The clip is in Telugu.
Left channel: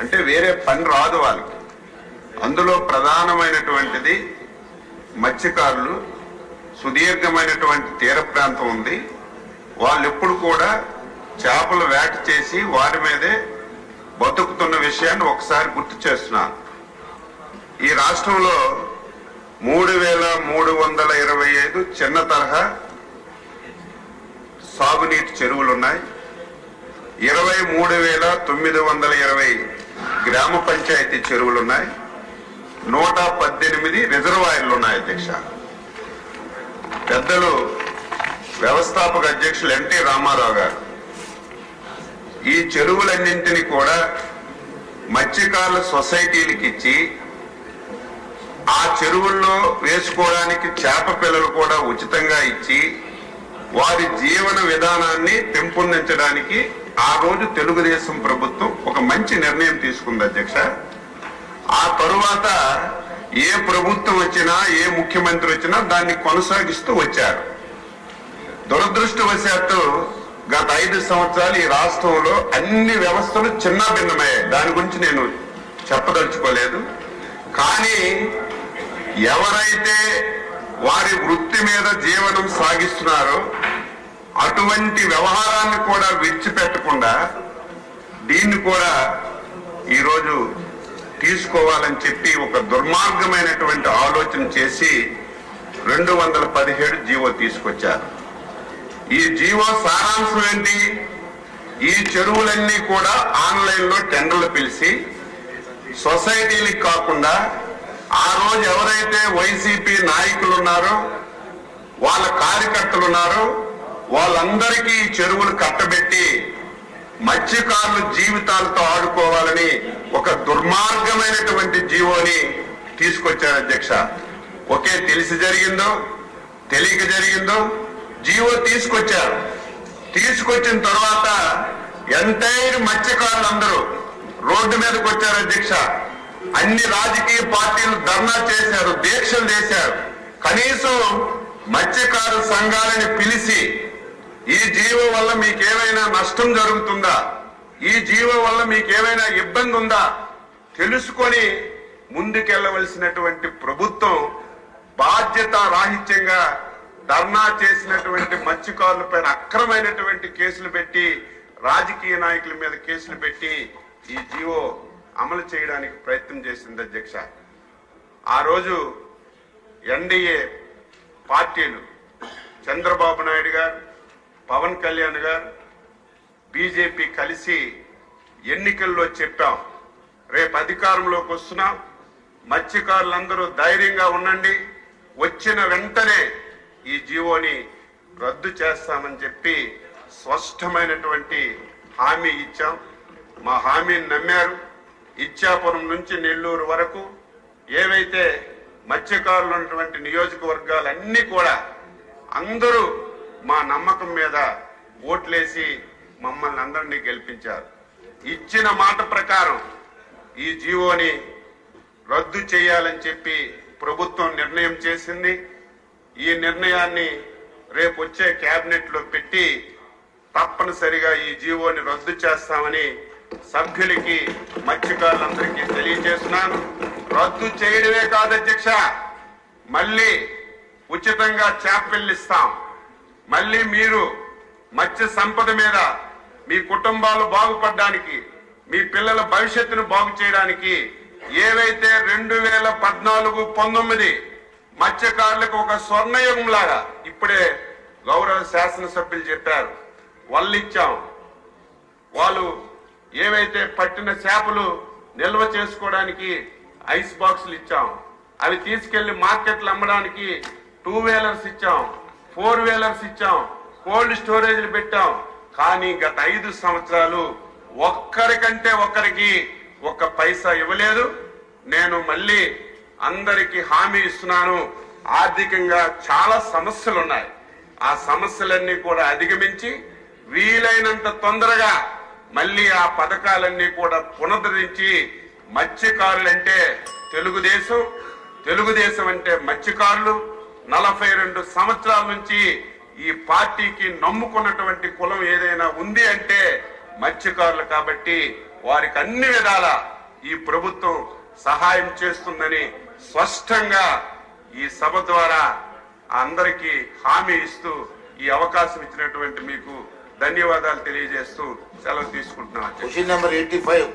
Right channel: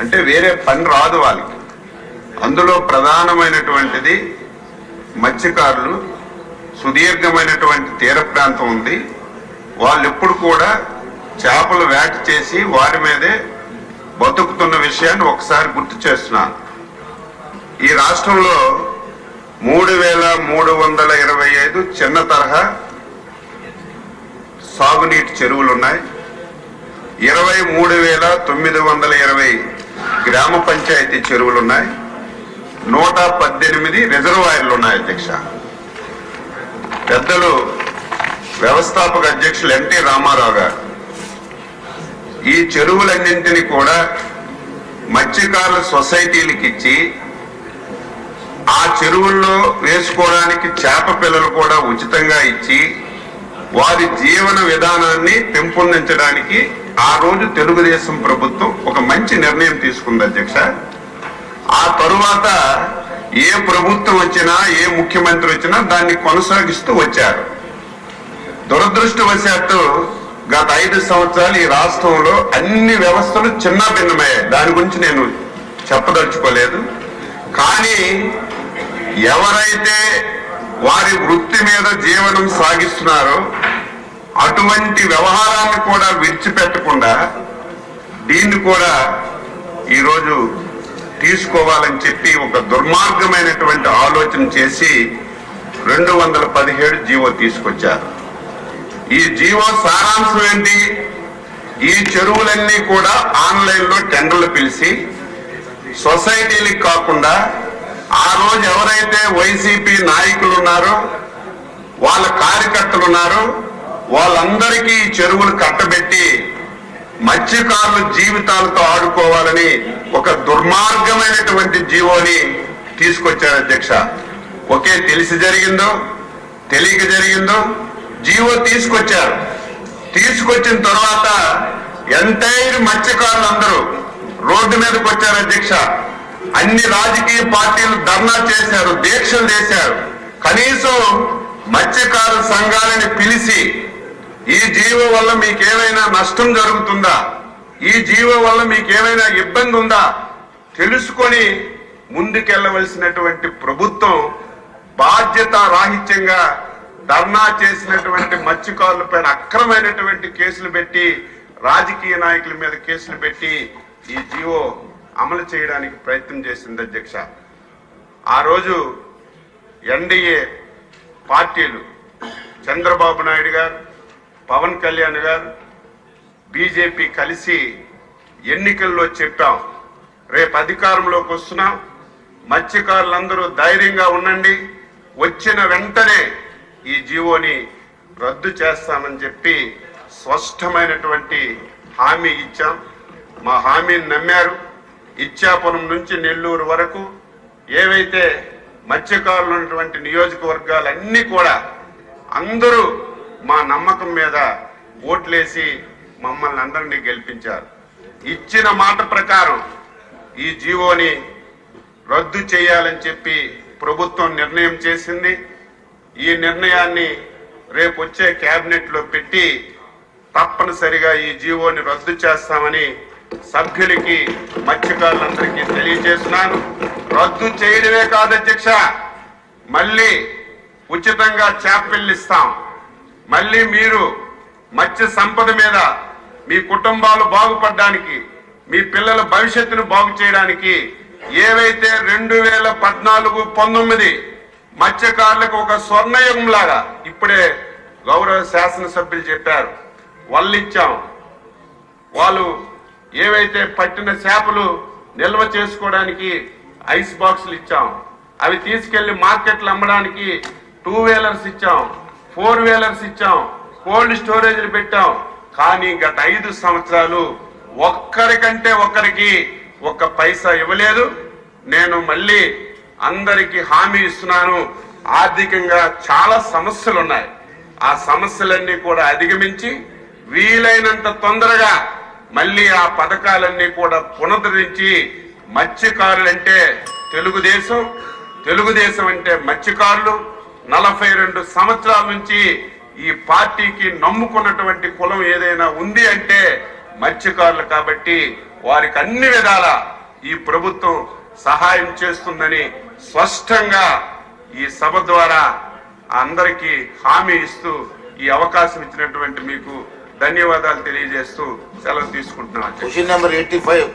అంటే వేరే పని రాదు వాళ్ళకి. అందులో ప్రధానమైనటువంటిది మత్స్యకారులు, సుదీర్ఘమైనటువంటి తీర ప్రాంతం ఉంది. వాళ్ళు ఎప్పుడు కూడా చేపలు వేట చేసి వారి మీదే బతుకుతున్న విషయాన్ని ఒకసారి గుర్తు చేస్తున్నాను. ఈ రాష్ట్రంలో 3,325 చిన్న తరహా సాగునీటి చెరువులు ఉన్నాయి. 23,920 గ్రామ పంచాయతీ చెరువులు ఉన్నాయి. 118 రిజర్వాయర్లు ఉన్నాయి. అధ్యక్ష, పెద్దలు వ్యవస్థాపక అధ్యక్షులు ఎన్టీ రామారావు గారు ఈ చెరువులన్నింటినీ కూడా మత్స్యకారుల సొసైటీలకు ఇచ్చి ఆ చెరువుల్లో వేసుకోవడానికి చేప పిల్లలు కూడా ఉచితంగా ఇచ్చి వారి జీవన విధానాన్ని పెంపొందించడానికి ఆ రోజు తెలుగుదేశం ప్రభుత్వం ఒక మంచి నిర్ణయం తీసుకుంది. అధ్యక్ష, ఆ తరువాత ఏ ప్రభుత్వం వచ్చినా ఏ ముఖ్యమంత్రి వచ్చినా దాన్ని కొనసాగిస్తూ వచ్చారు. దురదృష్టవశాత్తు గత 5 సంవత్సరాలు ఈ రాష్ట్రంలో అన్ని వ్యవస్థలు చిన్న భిన్నమయ్యాయి. దాని గురించి నేను చెప్పదలుచుకోలేదు. కానీ ఎవరైతే వారి వృత్తి మీద జీవనం సాగిస్తున్నారో అటువంటి వ్యవహారాన్ని కూడా విడిచిపెట్టకుండా దీన్ని కూడా ఈరోజు తీసుకోవాలని చెప్పి ఒక దుర్మార్గమైనటువంటి ఆలోచన చేసి 217 జీవో తీసుకొచ్చారు. ఈ జీవో సారాంశం ఏంటి? ఈ చెరువులన్నీ కూడా ఆన్లైన్లో టెండర్లు పిలిచి సొసైటీలకు కాకుండా ఆ రోజు ఎవరైతే వైసీపీ నాయకులు ఉన్నారో వాళ్ళ కార్యకర్తలు ఉన్నారో వాళ్ళందరికీ చెరువులు కట్టబెట్టి మత్స్యకారుల జీవితాలతో ఆడుకోవాలని ఒక దుర్మార్గమైనటువంటి జీవోని తీసుకొచ్చారు. అధ్యక్ష, ఒకే తెలిసి జరిగిందో తెలియక జరిగిందో జీవో తీసుకొచ్చారు. తీసుకొచ్చిన తర్వాత ఎంటైర్ మత్స్యకారులందరూ రోడ్డు మీదకి వచ్చారు. అధ్యక్ష, అన్ని రాజకీయ పార్టీలు ధర్నా చేశారు, దీక్షలు చేశారు. కనీసం మత్స్యకారు సంఘాలని పిలిచి ఈ జీవో వల్ల మీకేమైనా నష్టం జరుగుతుందా, ఈ జీవో వల్ల మీకేమైనా ఇబ్బంది ఉందా తెలుసుకొని ముందుకెళ్లవలసినటువంటి ప్రభుత్వం బాధ్యత రాహిత్యంగా ధర్నా చేసినటువంటి మత్స్యకారులపైన అక్రమైనటువంటి కేసులు పెట్టి రాజకీయ నాయకుల మీద కేసులు పెట్టి ఈ జీవో అమలు చేయడానికి ప్రయత్నం చేసింది. అధ్యక్ష, ఆ రోజు ఎన్డీఏ పార్టీలు చంద్రబాబు నాయుడు గారు, పవన్ కళ్యాణ్ గారు, బీజేపీ కలిసి ఎన్నికల్లో చెప్పాం, రేపు అధికారంలోకి వస్తున్నాం, మత్స్యకారులందరూ ధైర్యంగా ఉండండి, వచ్చిన వెంటనే ఈ జీవోని రద్దు చేస్తామని చెప్పి స్పష్టమైనటువంటి హామీ ఇచ్చాం. మా హామీని నమ్మారు. ఇచ్చాపురం నుంచి నెల్లూరు వరకు ఏవైతే మత్స్యకారులు ఉన్నటువంటి నియోజకవర్గాలన్నీ కూడా అందరూ మా నమ్మకం మీద ఓట్లేసి మమ్మల్ని అందరినీ గెలిపించారు. ఇచ్చిన మాట ప్రకారం ఈ జీవోని రద్దు చేయాలని చెప్పి ప్రభుత్వం నిర్ణయం చేసింది. ఈ నిర్ణయాన్ని రేపు వచ్చే కేబినెట్ లో పెట్టి తప్పనిసరిగా ఈ జీవోని రద్దు చేస్తామని సభ్యులకి మత్స్యకారులందరికీ తెలియజేస్తున్నాను. రద్దు చేయడమే కాదు అధ్యక్ష, మళ్ళీ ఉచితంగా చేపలు ఇస్తాం. మళ్ళీ మీరు మత్స్య సంపద మీద మీ కుటుంబాలు బాగుపడడానికి, మీ పిల్లల భవిష్యత్తును బాగు చేయడానికి ఏవైతే 2014-19 మత్స్యకారులకు ఒక స్వర్ణయుగం లాగా ఇప్పుడే గౌరవ శాసనసభ్యులు చెప్పారు, వాళ్ళు ఇచ్చాం. వాళ్ళు ఏవైతే పట్టిన చేపలు నిల్వ చేసుకోవడానికి ఐస్ బాక్సులు ఇచ్చాం, అవి తీసుకెళ్లి మార్కెట్లు అమ్మడానికి 2 వీలర్స్ ఇచ్చాం, 4 వీలర్స్ ఇచ్చాం, కోల్డ్ స్టోరేజ్లు పెట్టాం. కానీ గత 5 సంవత్సరాలు ఒక్కరికంటే ఒక్కరికి ఒక్క పైసా ఇవ్వలేదు. నేను మళ్ళీ అందరికీ హామీ ఇస్తున్నాను, ఆర్థికంగా చాలా సమస్యలు ఉన్నాయి. ఆ సమస్యలన్నీ కూడా అధిగమించి వీలైనంత తొందరగా మళ్ళీ ఆ పథకాలన్నీ కూడా పునరుద్ధరించి మత్స్యకారులంటే తెలుగుదేశం, తెలుగుదేశం అంటే మత్స్యకారులు 42 సంవత్సరాల నుంచి ఈ పార్టీకి నమ్ముకున్నటువంటి కులం ఏదైనా ఉంది అంటే మత్స్యకారులు. కాబట్టి వారికి అన్ని విధాల ఈ ప్రభుత్వం సహాయం చేస్తుందని స్పష్టంగా ఈ సభ ద్వారా అందరికీ హామీ ఇస్తూ ఈ అవకాశం ఇచ్చినటువంటి మీకు ధన్యవాదాలు తెలియజేస్తూ సెలవు తీసుకుంటున్నాను. Question number 85